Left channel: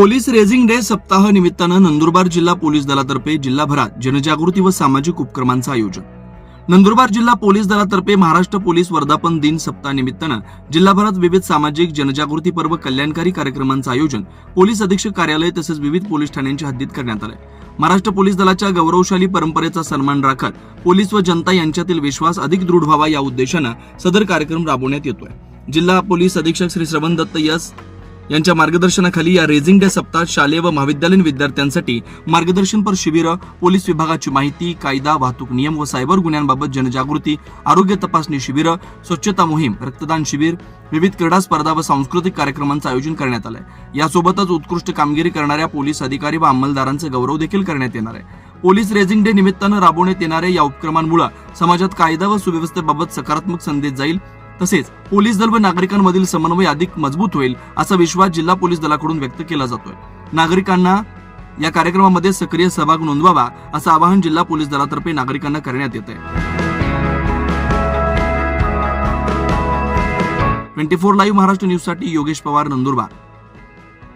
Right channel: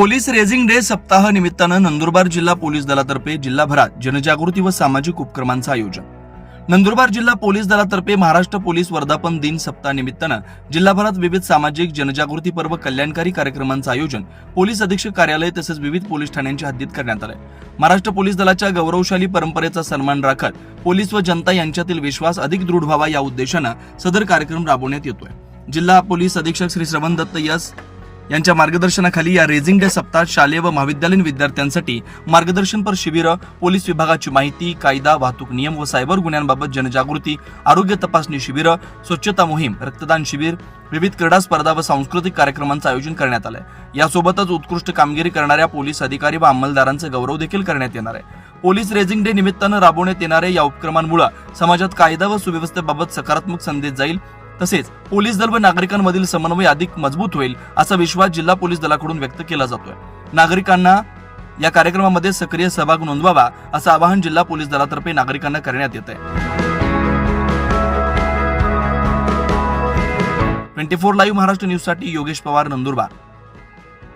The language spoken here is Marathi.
पोलीस रेझिंग डे सप्ताह निमित्तानं नंदुरबार जिल्हा पोलीस दलातर्फे जिल्हाभरात जनजागृती व सामाजिक उपक्रमांचं आयोजन. नंदुरबार जिल्हा पोलीस दलातर्फे महाराष्ट्र पोलीस वर्धापन दिन सप्ताहानिमित्तानं जिल्हाभरात विविध सामाजिक जनजागृती पर्व कल्याणकारी कार्यक्रमांचं आयोजन पोलीस अधीक्षक कार्यालय तसेच विविध पोलीस ठाण्यांच्या हद्दीत करण्यात आलं महाराष्ट्र पोलीस दलाच्या गौरवशाली परंपरेचा सन्मान राखत पोलीस व जनता यांच्यातील विश्वास अधिक दृढ व्हावा या उद्देशानं सदर कार्यक्रम राबवण्यात येतोय. जिल्हा पोलीस अधीक्षक श्री श्रवण दत्त यस यांच्या मार्गदर्शनाखाली या रेझिंग डे सप्ताहात शालेय व महाविद्यालयीन विद्यार्थ्यांसाठी मार्गदर्शनपर शिबिरं पोलीस विभागाची माहिती कायदा वाहतूक नियम व सायबर गुन्ह्यांबाबत जनजागृती आरोग्य तपासणी शिबिरं स्वच्छता मोहीम रक्तदान शिबिर विविध क्रीडा स्पर्धा व सांस्कृतिक कार्यक्रमांचं आयोजन करण्यात आलंय. यासोबतच उत्कृष्ट कामगिरी करणाऱ्या पोलीस अधिकारी व अंमलदारांचा गौरव देखील करण्यात येणार आहे. पोलीस रेझिंग डे निमित्तानं राबवण्यात येणाऱ्या या उपक्रमांमुळे समाजात कायदा व सुव्यवस्थेबाबत सकारात्मक संदेश जाईल तसेच पोलीस दल व नागरिकांमधील समन्वय अधिक मजबूत होईल असा विश्वास जिल्हा पोलीस दलाकडून व्यक्त केला जातोय. नागरिकांना या कार्यक्रमामध्ये सक्रिय सहभाग नोंदवावा असं आवाहन जिल्हा पोलीस दलातर्फे नागरिकांना करण्यात येत आहे ट्वेंटी फोर लाईव्ह महाराष्ट्र न्यूजसाठी योगेश पवार नंदुरबार.